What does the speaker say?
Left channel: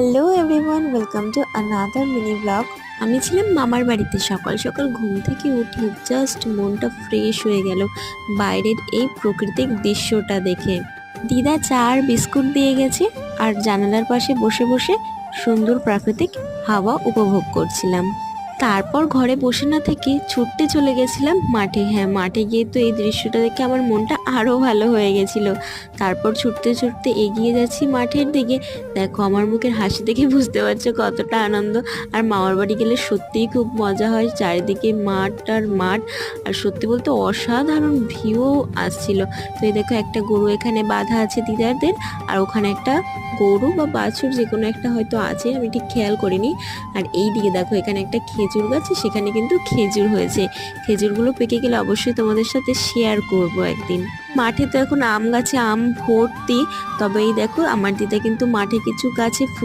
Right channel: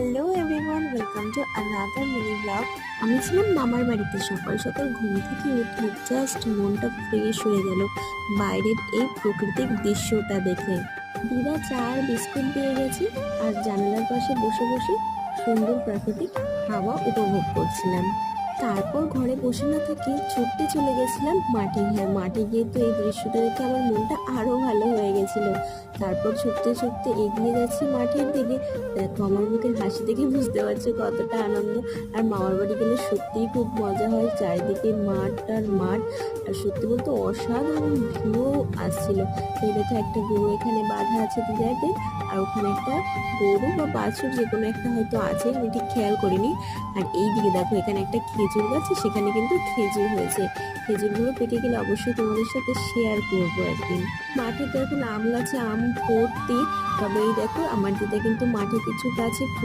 Hello everyone, welcome to another mini blog. আমি ছিলাম মামার বাড়িতে। সকাল সকাল ঘুম থেকে উঠে জাস্ট মনটা ফ্রেশ হয়ে গেল বাইরের এই প্রাকৃতিক দৃশ্যটা দেখে। দিদা চা আর বিস্কুট দিয়ে গেছে, আর জানালার পাশে বসে বসে সুন্দর প্রাকৃতিক হাওয়া উপভোগ করছিলাম। তারপর ঘরে বসে না থেকে ছুটতে চলে গেছিলাম মাঠে। হ্যাঁ, মাঠে গিয়ে তো এই দৃশ্যটা দেখে আমার মনটা আরও ভালো হয়ে গেছিল। তারপর ছুটতে ছুটতে এগিয়ে যাচ্ছি মাঠের দিকে। দেখো, আমার মুখের হাসি দেখে বুঝতে পারছো কতটা আনন্দ। আর মামার বাড়ি গেলে সত্যিই খুব মজা হয়, চারিদিকে মাঠ আর মাঠ, আর সত্যি বলতে অসাধারণ ভিউ আসছিল। তো এই দেখো, একটা গরু এখানে বাঁধা আছে দিদারদের, আর ওখানে একটা গরু বা বাছুর যে কোনো একটা হয়তো আছে, আমি ঠিক খেয়াল করিনি। আর এই দিকে দেখো, এখানে একটা খেজুর গাছ, সেখানে কিন্তু খেজুর হয়েছে। খেজুরগুলো পেকে গেলে অবশ্যই তোমাদের সাথে শেয়ার করব একদিন। মাঠে তো এখন আম গাছে আম ভর্তি। তবে এই দেখো, আমার দিদা কিন্তু মাঠে কিছু গাছে ফুল